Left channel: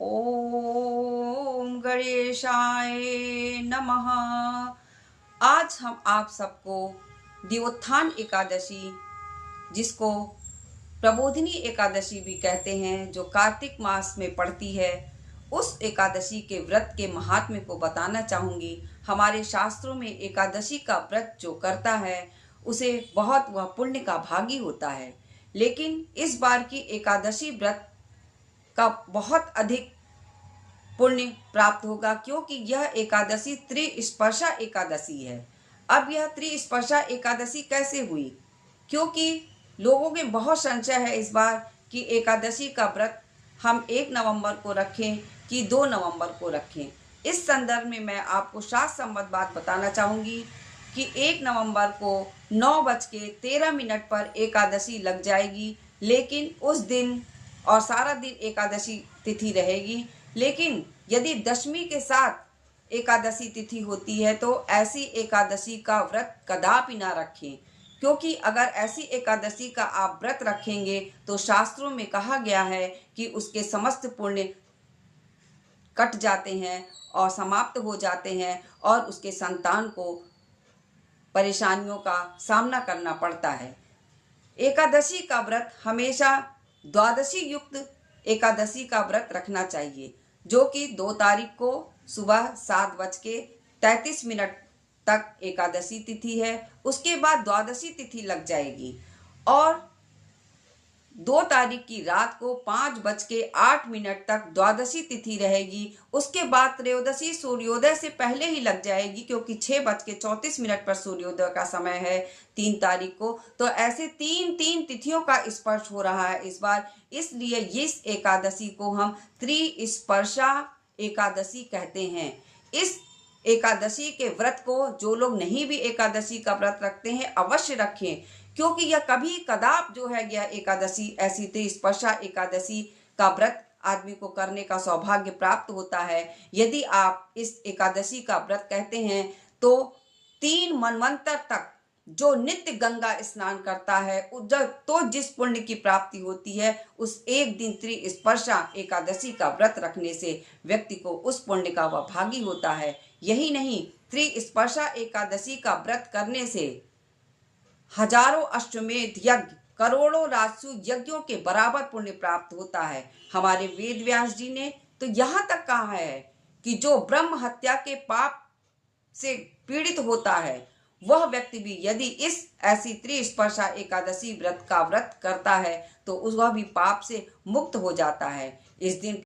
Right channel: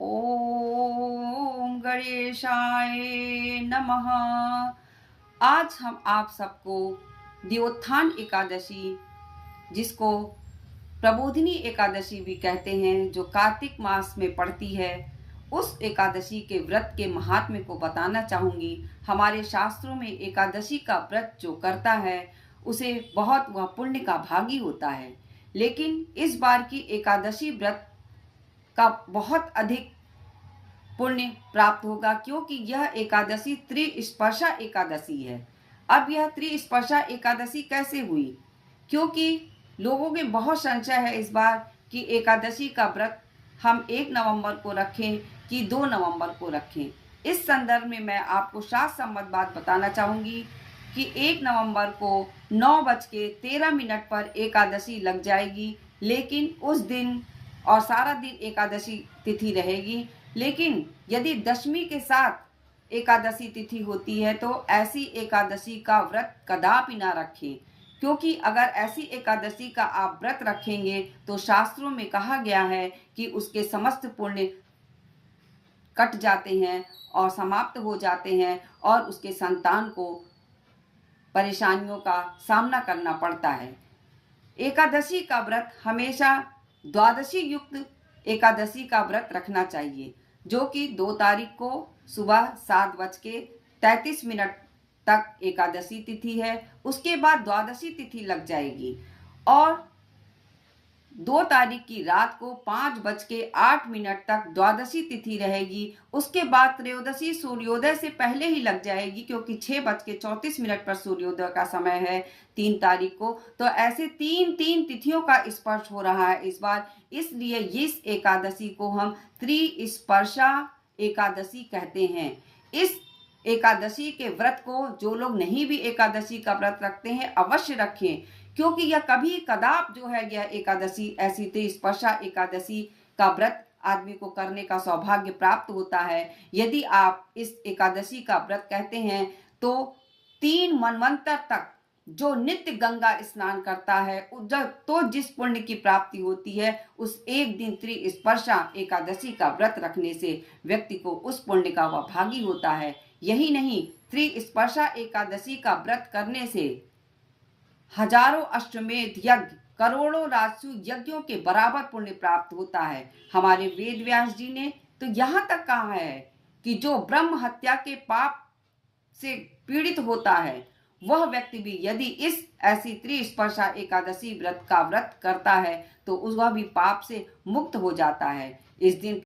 ओम गणेशाय नमः। आज हम आप सबको द्योत्थान एकादशी, जिसको प्रबोधिनी एकादशी भी कहते हैं, जो कार्तिक मास में पड़ती है, उस एकादशी के व्रत के महात्म्य को बताना चाहूँगी। हमारे शास्त्रों में एकादशी का व्रत जो करता है उसे बहुत वह पुण्य का भागी होता है। लेकिन इस बार की एकादशी व्रत का बहुत अधिक पुण्य प्राप्त होगा, क्योंकि यह एकादशी त्रिस्पर्शा एकादशी है। अब यह त्रिस्पर्शा एकादशी कैसे हुई? क्योंकि लोगों में बहुत संशय है इस बार कि एकादशी का व्रत हम 1 नवंबर को रखें कि 2 नवंबर को रखें। इस संदर्भ में मैं आपको शास्त्र सम्मत बात बताना चाहूँगी कि 1 नवंबर को 9:13 पर एकादशी लग जाएगी, लेकिन उस दिन और सारा दिन एकादशी तिथि रहेगी। लेकिन यदि दशमी के साथ एकादशी तिथि होती है तो ऐसी एकादशी का व्रत कदापि ना रखें, क्योंकि अगर ऐसी एकादशी का आप व्रत रखेंगे तो शास्त्रों में कहा गया है कि उसके समस्त पुण्य कट जाते हैं और समाप्त हो जाते हैं और उसके संतान को परेशानियों का सामना करना पड़ता है। एकादशी का व्रत हमेशा द्वादशी युक्त एकादशी का व्रत रखना चाहिए, जो कि 2 तारीख को सुबह 7:33 तक एकादशी तिथि है। उसके बाद द्वादशी तिथि लग जाएगी और 2 तारीख की रात को 5:08 तक द्वादशी तिथि रहेगी। उसके बाद त्रयोदशी सूर्योदय से पहले ही लग जाएगी, क्योंकि 6:34 पर सूर्योदय का समय है 3 तारीख को। तो ऐसे 3 तिथियों का स्पर्श हो रहा है इस बार, इसलिए इस एकादशी को हम त्रिस्पर्शा एकादशी कहते हैं। इस एकादशी के व्रत को जो लोग नहीं भी एकादशी का व्रत रखते हैं अवश्य रखें, क्योंकि यह कभी कदाप जो है यह एकादशी ऐसी त्रिस्पर्शा एकादशी का व्रत आदमी को करने का सौभाग्य प्राप्त होता है। यदि आप इस एकादशी का व्रत कहते हैं तो 3 मनवंतर तक जो नित्य गंगा स्नान करता है तो जिस पुण्य की प्राप्ति होती है, उस एक दिन त्रिस्पर्शा एकादशी का व्रत रखने से व्यक्ति को उस पुण्य का वह भागी होता है। यही नहीं, त्रिस्पर्शा एकादशी का व्रत करने से हजारों अश्वमेध यज्ञ, करोड़ों राजसु यज्ञों के बराबर पुण्य प्राप्त होता है। हमारे वेद व्यास जी ने तो यहाँ तक कहा है कि जो ब्रह्म हत्या के पाप से पीड़ित होता है, वह व्यक्ति भी यदि इस ऐसी त्रिस्पर्शा एकादशी व्रत का व्रत करता है तो वह भी पाप से मुक्त हो जाता है। इस दिन